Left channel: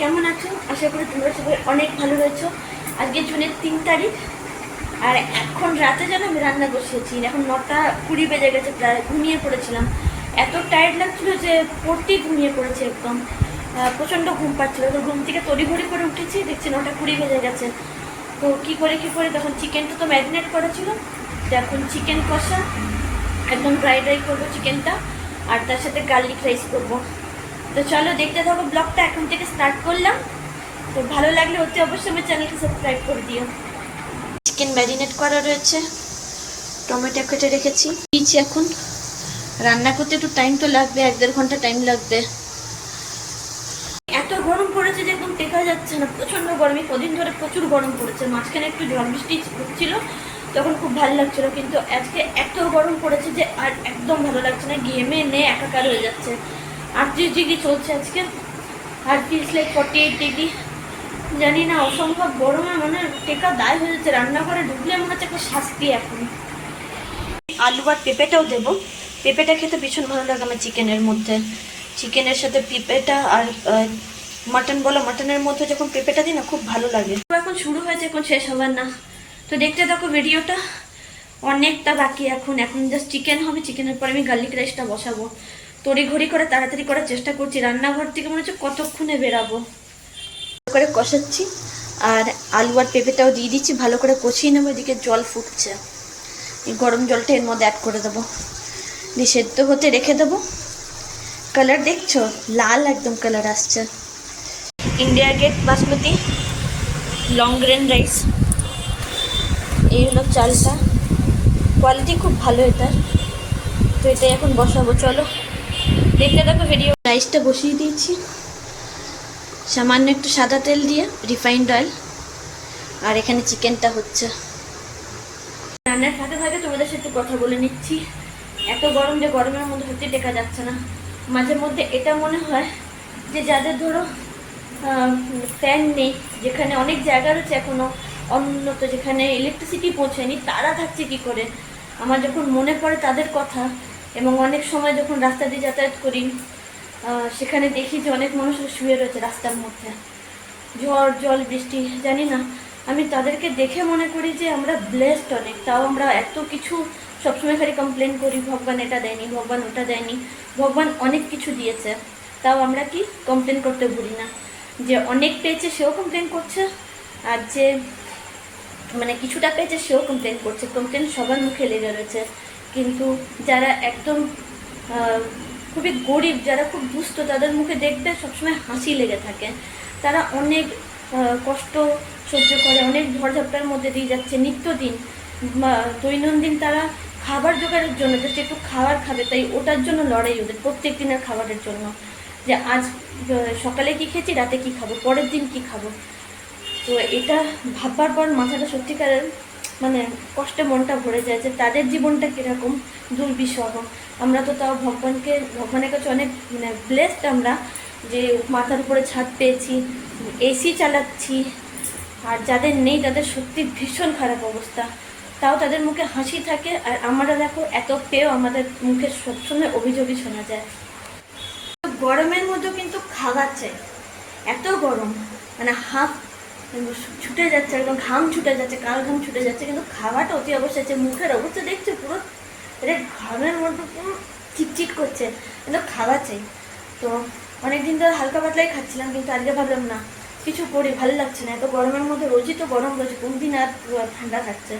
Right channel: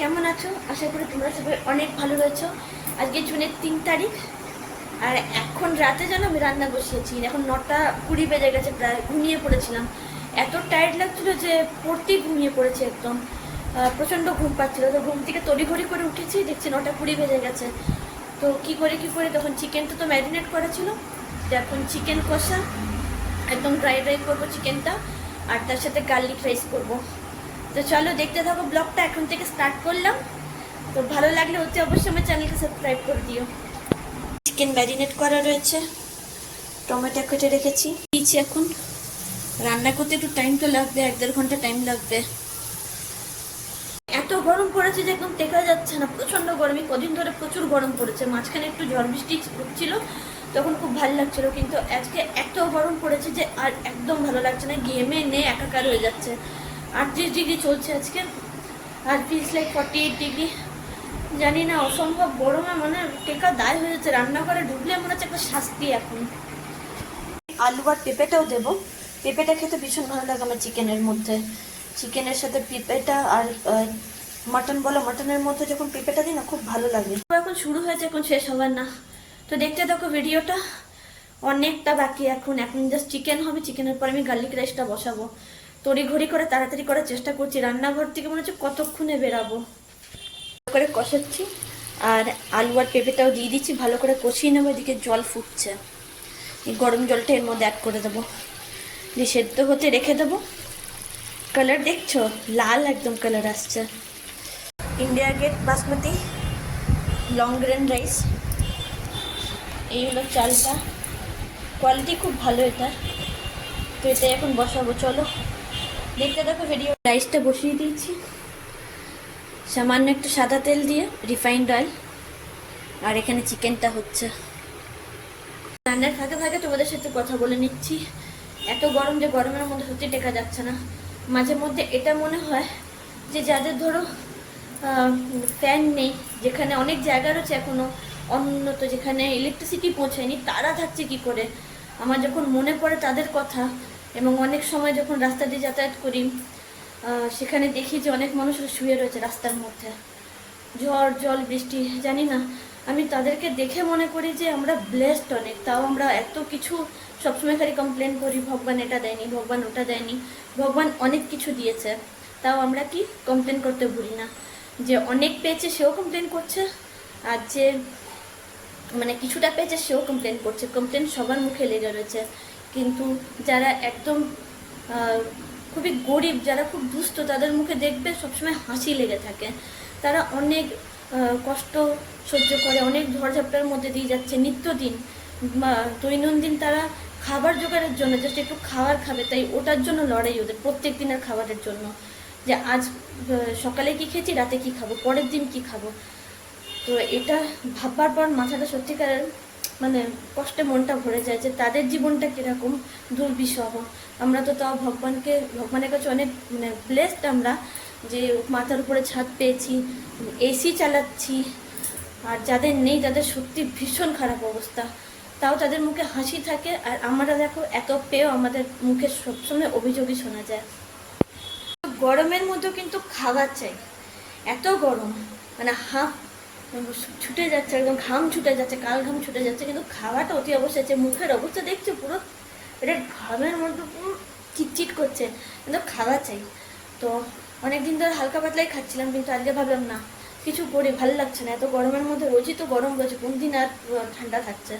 কেমন আছো? আশা করি তোমরা সবাই অনেক ভালো রয়েছো আজকে জুনের তিন তারিখ, আর এখন রাতে যেন আমি রান্না বসিয়েছি। এখন নটা কুড়ি বেজে গেছে, প্রায় ঘুমিয়ে পড়েছিলাম। এত টায়ার্ড লাগছিল যে পড়তেই ঘুমিয়ে পড়েছি একদম। প্রচণ্ড ঘুম পাচ্ছিল। তো ঘুম থেকে তড়িঘড়ি করে উঠেছি, দেখছি নটা কুড়ি বেজে গেছে। তো কি করে কি করে, তখন চিকেনটা তো ম্যারিনেট করা ছিল। এখন চিকেন কষা, একদম ড্রাই ড্রাই করব চিকেনটা আর তার সাথে গার্লিক রাইস করব। তো চলো দেখতে থাকো ব্লগটা, এখন থেকে স্টার্ট করলাম। তো ভালো লাগলে অতি অবশ্যই আমার চ্যানেলকে সাবস্ক্রাইব করে দিও। চিকেন ম্যারিনেট করা রয়েছে, টমেটো কেটে রেখেছি। দিয়েছি এখন। রান্না করতে একটু টাইম তো লাগবে, এক দেড় ঘণ্টা টাইম লাগবে। এত গরম পড়েছে যে একদম টেকা যাচ্ছে না, প্রচণ্ড গরম, কদিন ধরে প্রচুর গরম পড়েছে। মাঝখানে একটু ঝড় বৃষ্টি ছিল, তখন খুব ভালো লাগছিল, কিন্তু আজকে এত গরম পড়েছে যে আর একদম ভালো লাগছে না, ঘেমে নে, একাকার হয়ে যাচ্ছে। আটত্রিশ ডিগ্রি চলছে আজকে? Feels like forty eight degree জানি না, অসম্ভব গরমে মানে টেকা দায় হয়ে যাচ্ছে, রান্নাঘরে ঢুকলে মনে হচ্ছে একটা শাস্তি এখন। আলু আর পেঁপেটাও দেবো। পেঁপেটা খেতে ভীষণ ভালো লাগে আমার চিকেনের মধ্যে। চিকেনের সাথে পেঁপেটা আর মাটন বলো, মাটনের মধ্যে যখন পেঁপেটা দিই না, খুব ভালো লাগে। এখন শুরু হয়েছে, এখন শেষ হবার না। তো দেখতে দেখো ভিডিওটা। অনেকটা বাকি এখন এখন জাস্ট চিকেন হবে চিকেনের পর আমি গার্লিক রাইসটা বসাবো। তড়ি ঘড়ি করে, তাড়াতাড়ি করার চেষ্টা করছি। রান্নাঘর থেকে মনে হচ্ছে কতক্ষণে বেরাবো। করে কষাচ্ছি, আর আলু আর পেঁপেটাও দিয়ে দিচ্ছি। ভালো করে কষিয়ে নেব, এদিকে জল ফুটছে। এই গরম জলটা এর মধ্যে অ্যাড করে দেবো। সেদ্ধ হতে রেখে দেবো। কালার দেখছ? লাল একদম কালার আসছে। India gate basmati long grain rice এই হলো চালটা। কোয়ালিটি খুব ভালো এটার তো এটাই এখন বসাবো, চলো। দেখতে দেখো ভিডিও রাইসটা বসিয়ে দিয়েছি। সামান্য একটু সাদা তেল দিয়ে রিফাইন্ড অয়েল আর এখানে চিকেনটা হচ্ছে। রান্নার ফাঁকে ফাঁকে তোমাদের সাথে কথা বলে নিচ্ছি। এত গরম যে গরমের মধ্যে হতে টেকা যাচ্ছে না। মাঝে মধ্যে এটা মনে হয় যে যাদের ধরো ফ্যান নেই, যেখানে অনেক জায়গা রয়েছে এখনও উন্নত যেখানে ইলেকট্রিসিটি পৌঁছায়নি, তারা থাকছে কি করে? আমার যখন মনে পড়ে তাদের কথা এবং অনেক সময় যখন রাস্তা দিয়ে যাতায়াত করি সেখানে দেখি যে অনেক মানুষ শুয়ে রয়েছে রাস্তার মধ্যে। ঝড়, জল, বৃষ্টি, জানি না। আমি তাদেরকে দেখে মনে করি যে আমরা ব্লেসড অনেক। তাও আমরা এত কিছু সবসময় খালি কমপ্লেন করি, ভগবান এটা দেয়নি, ভগবান ওটা দেয়নি, ভগবান অনেক কিছু দিয়েছে। তাও আমরা কি কমপ্লেন করতে ভুলি না? যে অনেক পেয়েছে, সেও কমপ্লেন করছে, আর যে মানে কিছুটা পেয়েছে, সেও কমপ্লেন করছে। কমপ্লেন সবার মুখে লেগে রয়েছে। কিন্তু যারা একদম খুবই গরিব, যারা খুব দুস্থ, তাদের মুখে দেখবে সবসময় হাসি লেগে থাকে। তারা অনেক কষ্ট সহ্য করে, অনেক ঝড়ঝাপটার মধ্যে দিয়ে যাচ্ছে। নিত্যদিন দৈনন্দিন তারা খাবার জোগাড়ের জন্য জাস্ট একটু খাবার খাবে, তাই ওটার জন্য লড়াই ওদের, প্রত্যেক দিনের খাবারের জন্য। যে আজ সকালে কি খেয়েছি, রাতে কি খাব, পরের দিন কি খাব? তো এটা ভাববার পর মাথাটা সত্যিকারের মানে কষ্টে মনটা ভরে যায় যে তাদের জীবনটা কীরকম দুর্বিষহ। আমরা তো তাও ভগবানকে, ভগবানের কাছে অনেক মানে ব্লেসড আমরা যে মাথার উপরে ছাদ পেয়েছি এসি চালাচ্ছি, আর যাদের নেই তাদের সত্যি ভীষণ খারাপ অবস্থা। তাও তাদের মুখে হাসি থাকে, আর আমরা দেখো এত পেয়েও আমাদের মুখে সবসময় অভিযোগই শোনা যায়। গরমের মধ্যেও কিন্তু চাই এত গরম মানে হাফ ছুটে যাচ্ছে, একদম ঘাম ছুটে যাচ্ছে, কাল ঘাম ছুটে যাচ্ছে, কিন্তু খাওয়াটা অতি অবশ্যই আছে মুখের অবস্থা দেখছ পুরো? এটা ঘামের মধ্যে পুরো চিটচিট করছে কিন্তু খাওয়া চাই তো অনেক দিন ধরে হালকা পাতলাই খাচ্ছিলাম, কিন্তু আজকে ভাবলাম না, কিছু করি, ভালো লাগছে না। এত গরমের মধ্যে রোজই তো গরম রয়েছে দিন আর ঠান্ডা থাকছে।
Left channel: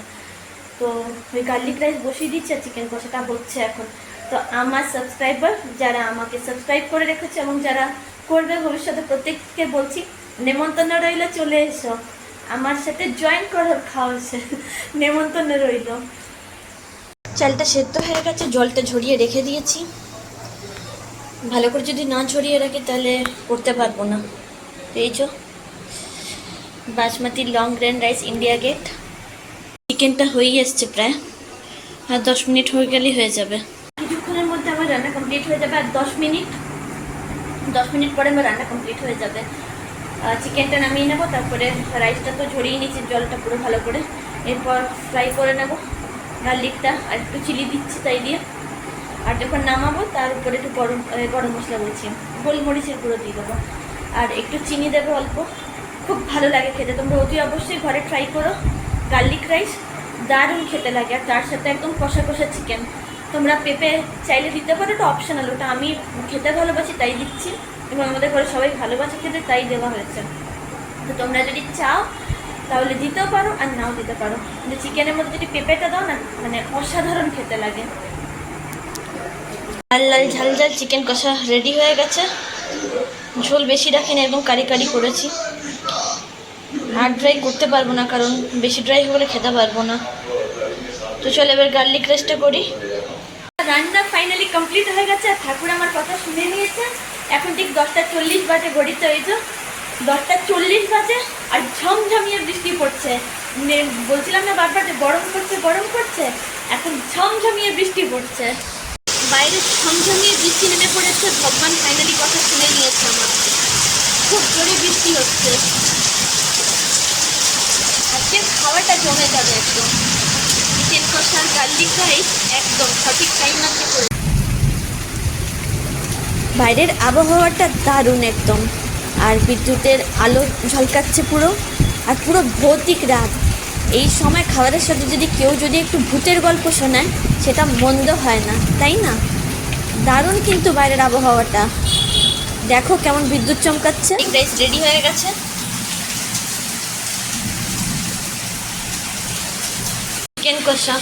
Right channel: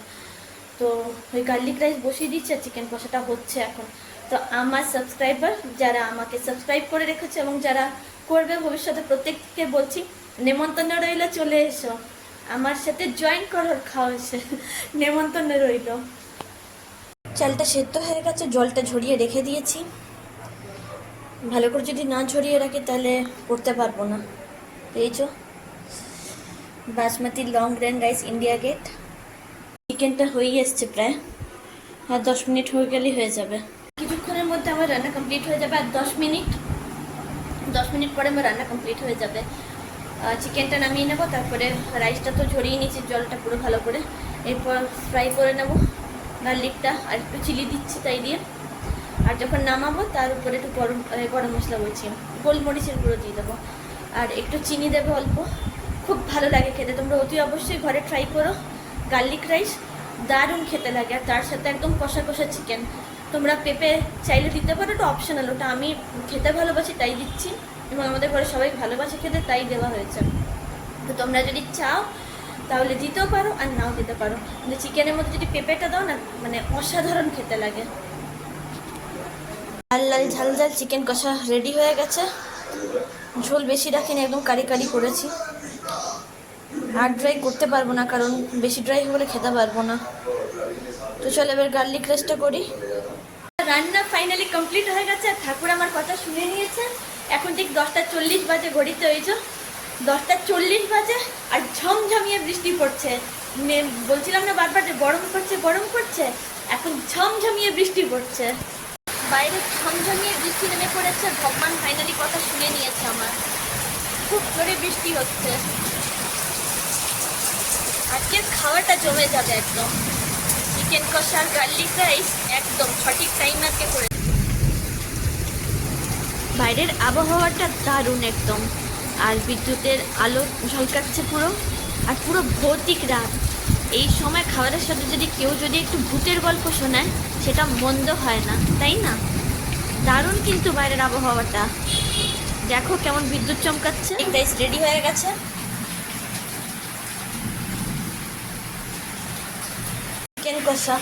তো ওই গার্লিক রাইস বসিয়ে দিচ্ছে চিকেন কষাটা হচ্ছে এখন। তো আমার সাবস্ক্রাইবার যারা আমাকে সাবস্ক্রাইব করে রেখেছে এবং যারা করবে ভবিষ্যতে প্রত্যেককে বলছি, নেমন্তন্ন রইল, চলে এসো। আমার সাথে জয়েন করার খাওয়া নেমন্তন্ন রইল। চালটা সেদ্ধ হয়ে গেছে, জলটা ঝরিয়ে রেখে দিয়েছি। ভালো করে যদি না ঝরিয়ে রাখি তাহলে করতে পারব না। পেয়েছ basmati long grain rice India gate চিকেনটা হয়েই এসছে প্রায়। আর দশ মিনিট হয়ে গেলেই হয়ে যাবে। কিছুক্ষণের মধ্যে আমার রান্না কমপ্লিট হয়ে যাবে আর দশ মিনিট দশ মিনিট পরে আমার রান্না কমপ্লিট হয়ে যাবে। চিকেনটা নামিয়ে নেব, তারপরে রাইসটা তো ঝরিয়ে নিচ্ছি জলটা পুরো ভালো করে। এরপর ফ্রাই করে নেব। গার্লিকটা আর একটু চিলি দিচ্ছি তাই দিয়ে। আর যখন নামাবো, তার উপরে একটু গরম গরম মশলা বলছি গোলমরিচের গুঁড়ো দিয়ে দেবো। আর একটু চিনি দেবে অল্প। খুব ভালো লাগে খেতে, তোমরা অতি অবশ্যই ঘরে ট্রাই করো। গার্লিক রাইস দারুণ খেতে লাগে, আর তার সাথে একদম কষা কষা চিকেন তোমরা পেঁপে চাইলে দিতে পারো, এটা অপশনাল ওটা আমি খেতে ভালোবাসি, তাই দিচ্ছি। এবং আমাদের ঘরে সবাই ভালোবাসে খেতে, তাই দেওয়া হয়েছে। তো তোমরা যদি চাও, তাহলে দিতেও পারো, আর নাও দিতে পারো। কিন্তু চিকেনের মধ্যে যদি পেঁপেটা দাও না মানে অসাধারণ খেতে লাগে। লাল লাল, ঝাল ঝাল চিকেন কষা রেডি হয়ে গেছে। ঝোল বেশি রাখি না, একদম কারি কারি করেছি। আর ড্রাই করতে পারব না, কারণ বেশি ড্রাই হলে খেতে পারব না। তো চল এবার গার্লিক রেস্টটা করি। রান্না ফাইনালি কমপ্লিট হয়ে গেছে, আর ঠাকুর আমার কথা শুনে নিয়েছে। এখন ঠিক দশটা চল্লিশ বাজে ঘড়িতে ওই যে দশটা চল্লিশ বাজে, আর ঝমঝমিয়ে বৃষ্টি পড়ছে। বলছিলাম না বারবার যে গরম করছে গরম করছে এখন ঝমঝমিয়ে বৃষ্টি পড়ছে। বাইরে ঝমঝমিয়ে বৃষ্টি নেমে পড়েছে, ভগবান ফাইনালি কথা শুনে নিয়েছে আমার। খুব জোরে বৃষ্টি হচ্ছে। আজকে খাওয়াটা জমে যাবে একদম। গার্লিক রাইস একদম সঠিক টাইম আজকে করে বাইরের আবহাওয়াটা দারুণ একদম। আর বিদ্যুতের আলো ঝলকাচ্ছে পুরো আর পুরো ভৌতিক রাত। এই সময় খাবারের সাথে যদি কেউ যদি একটু ভূতের গল্প শোনায় সেটা মন্দ হয় না তাই না? দারুণ কিন্তু বাইরের আবহাওয়াটা। দেখো কেমন বিদ্যুৎ চমকাচ্ছে। রাইস রেডি হয়ে গেছে? চিকেন কষা।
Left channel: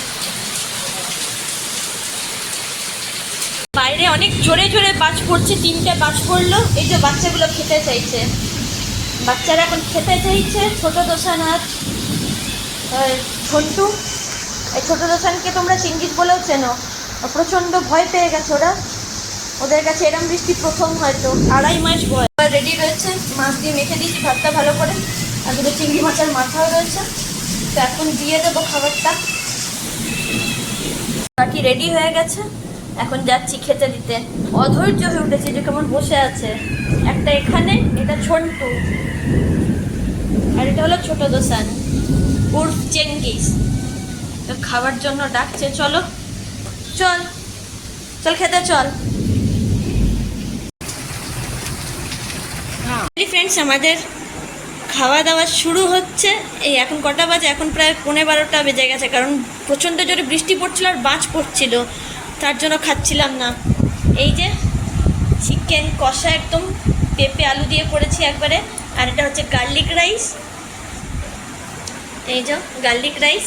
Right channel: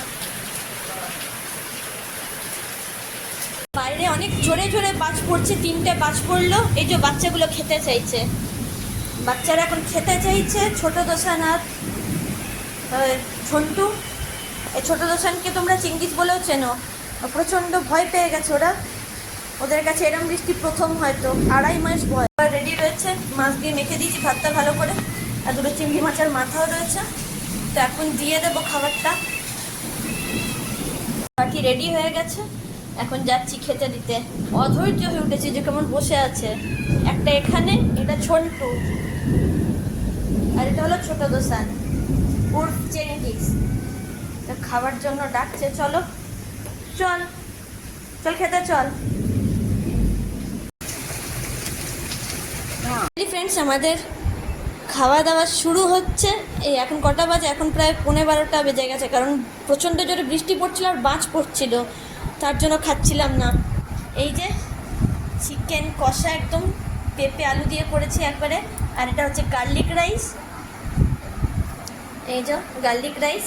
বাইরে অনেক জোরে জোরে বাজ পড়ছে, তিনটে বাজ পড়ল। এই যে বাচ্চাগুলো খেতে চাইছে। বাচ্চারা এখন খেতে চাইছে। ছোট আর ঝন্টু। ছোট দোসানকে তোমরা চিঙ্গিস বলেও চেনো। প্রচণ্ড ভয় পেয়ে গেছে ওরা। ওদের কাছে এরম বৃষ্টি প্রথম হয়তো। আড়াই মাস ভয় রেডি রয়েছে। মাছ দিয়ে মেখে দিয়েছি ভাতটা ভালো করে। আর দুটো চিংড়ি মাছের মাথাও রয়েছে। তো এখন দিয়ে দেবো খাবারটা। বাকি রেডি হয়ে গেছে? এখন যাচ্ছি খেতে দিতে। অধৈর্য হয়ে উঠেছে যে কেমন বসে আছে। একটা এখানে এটা ঝন্টু আর এটা হলো ছোট দোসান। উর্ফ চেঙ্গিস। খাবার জন্য ডাকছে চলো। চল। চল খেতে চল। ফ্রেন্ডস আমাদের খাওয়া দাওয়া শুরু হচ্ছে। এই এখন কটা বাজে? এখন প্রায় পৌনে বারোটা বেজে গেছে, কারণ প্রচণ্ড জোরে বৃষ্টি পড়ছিল আর বাজ পড়ছিল। তার জন্য খাচ্ছিলাম না। এই যে চিকেন কষা একদম পেঁপে আলু দিয়ে করেছি একবারে, আর এটা হচ্ছে গার্লিক রাইস। এই যে গার্লিক রাইস।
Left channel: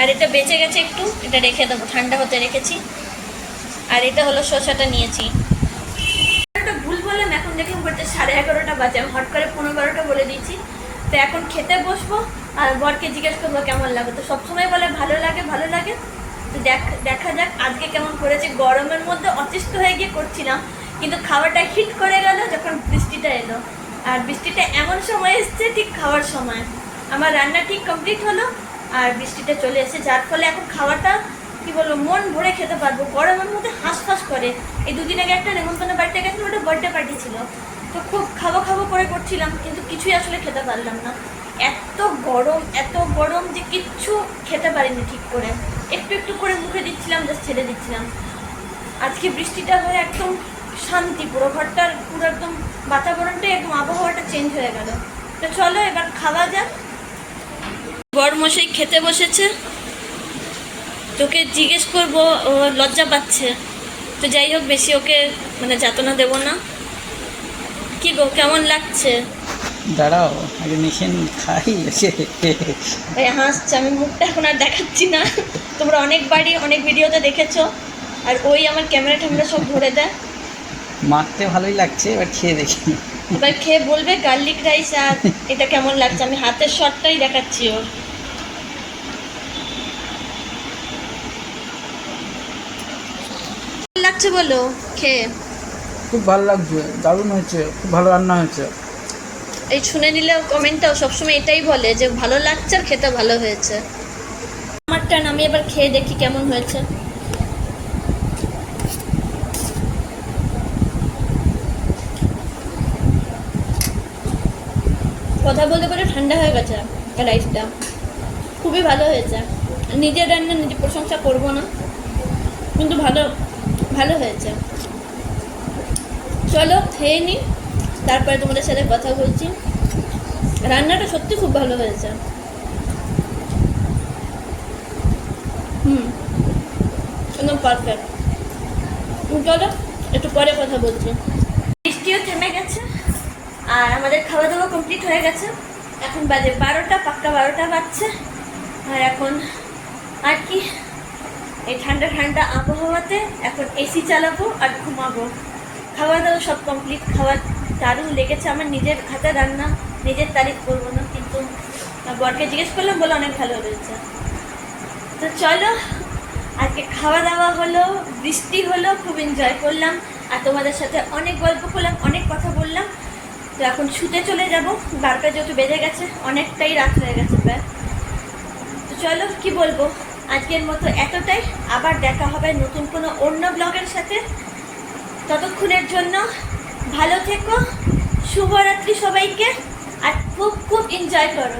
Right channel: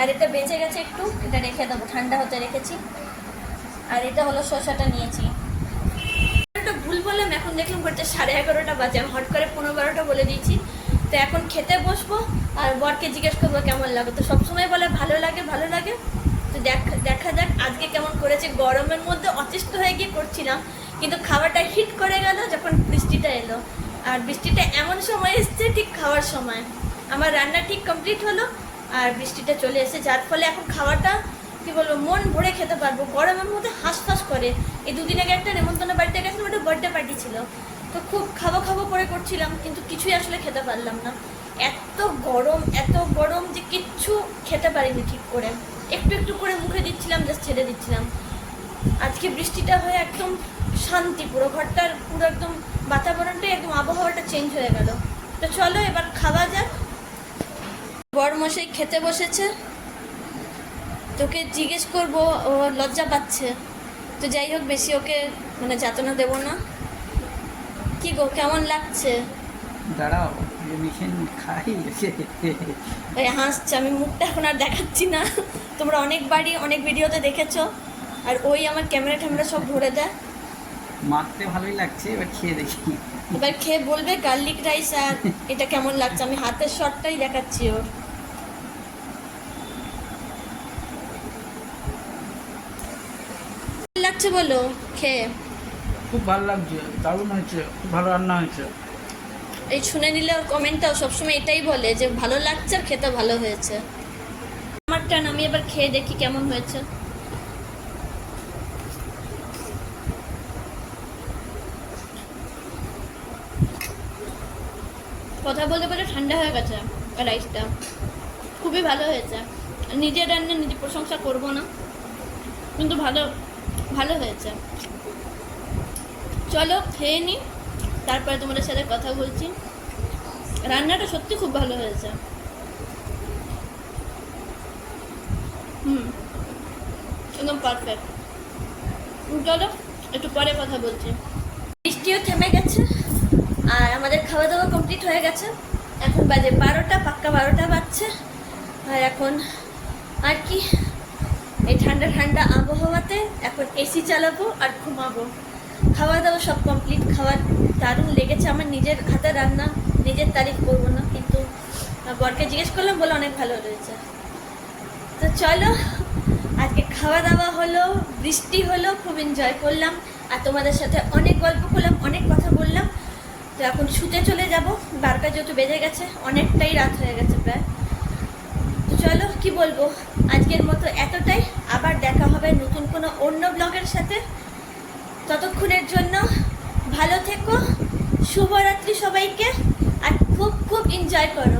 আর এটা বেঁচে গেছে একটু, এটা রেখে দেবো, ঠান্ডা হতে রেখেছি। আর এটা হলো শসাটা নিয়েছি একটা ভুল বললাম এখন দেখলাম বলছে সাড়ে এগারোটা বাজে, আমি হট করে পনেরো এগারোটা বলে দিয়েছি। তো এখন খেতে বসবো আর বরকে জিজ্ঞেস করব কেমন লাগে। তো সবসময় বলে ভালো লাগে ভালো লাগে। তো দেখ যাক আজকে কেমন করেছে। গরমের মধ্যে অতিষ্ঠ হয়ে গিয়ে করছিলাম, কিন্তু খাবারটা হিট করে গেল যখন বৃষ্টিটা এলো। আর বৃষ্টিটা এমন সময় এসছে, ঠিক খাওয়ার সময়। আমার রান্না ঠিক কমপ্লিট হলো, আর বৃষ্টিটা চলে এসে যার ফলে এখন খাওয়াটা কি বলব, মন ভরে খেতে পারব। গরমের মধ্যে হাঁসফাঁস করে। এই দুদিন আগে একটা নেমন্তন্ন বাড়িতে গেছিলাম, ওটা বার্থডে পার্টি ছিল। তো খুব খাব খাব করে করছিলাম, কিন্তু কিছুই আসলে খেতে পারলাম না। এত গরম এত গরম যে কিচ্ছু খেতে পারিনি ঠিক করে। একটু একটু করে মুখে দিচ্ছিলাম জাস্ট ছেড়ে দিচ্ছিলাম। আজকে বৃষ্টিটা হয়ে একদম শান্তি, পুরো ঘরটার পুরো একদম বাতাবরণটা, একদম আবহাওয়াটা চেঞ্জ হয়ে গেল। তো চলো এবার খাওয়া যাক। বড় মশাই খেতে বসেছে। তোকে জিজ্ঞেস করব ও লজ্জা পাচ্ছে। তো যাই হোক বেশি ওকে মানে যাতনা দেবো না। কি গো কেমন লাগছে? দাঁড়াও আগে মেশিন খাই। ভাই হাসছে আমি মুখটা এখন আর দেখাচ্ছি না। তোমরা অনেক বাড়ি অনেক ভিডিওতে দেখেছ আর ওই আমার ক্যামেরা ট্যামেরা সব ভরে দেয়। মাখতে ভালোই লাগছে এবার খেয়ে দেখি। এবার খেয়ে বলবে গার্লিক রাইস আর এটা কেমন লাগছে? আমি হাতের শটটাই দেখাচ্ছি ওর। লাগছে বলো খেয়ে। খুব ভালো লাগছে দারুণ হয়েছে খুব ভালো রান্না হয়েছে। এই শুনে নিলে কমেন্টটাও সবসময় এটাই বলে যে ভালো লাগছে আর খেতে ভালো হয়েছে। আমারটা না, আমি এবার খেয়ে দেখি কেমন হয়েছে। কথা বলতে বলতে ঠান্ডা হয়ে গেছে রাইসটা খুবই ভালো হয়েছে। নিজের রান্না নিজে প্রশংসা করব না। কিন্তু ভালো ভালো হয়েছে। চলো, খেয়ে নিই তারপরে তোমাদের সাথে কথা বলছি। রান্নাটা সত্যি খুব ভালো হয়েছে। হুম, একদম পারফেক্ট চলো, একটু পরে কথা বলছি। বৃষ্টিও থেমে গেছে, আর আমাদের খাওয়া দাওয়া কমপ্লিট হয়ে গেছে। এখন বাজে বারোটা, পাক্কা বারোটা বাজছে। আর এখন আর কি ঠান্ডা ঠান্ডা আবহাওয়াতে এখন এসি চালাবো আর ঘুমাবো। খাওয়া দাওয়া সব কমপ্লিট খাওয়া দারুণ লেগেছে আমার নিজের হাতে রান্না, নিজের তারিখ করব না, কিন্তু বরকে জিজ্ঞেস করলাম বলে অনেক ভালো হয়েছে। তো চলো, আজকে খাওয়া দাওয়া হলো, বৃষ্টি হলো, খুব এনজয় করলাম, আর তোমাদের সাথে অনেক গল্প করলাম, অনেক কথা বললাম। তো এখন শুতে চলে যাব, বারোটা যত বেজে গেছে, অনেকটাই রাত হয়ে গেছে প্রায়। চলো, কি বলব? আজকের মতো এতটাই। আবার দেখা হবে নতুন কোনো অন্য ব্লগের সাথে। ততক্ষণের জন্য ভালো থেকো, শুভরাত্রি সবাইকে, আর খুব খুব এনজয় করো।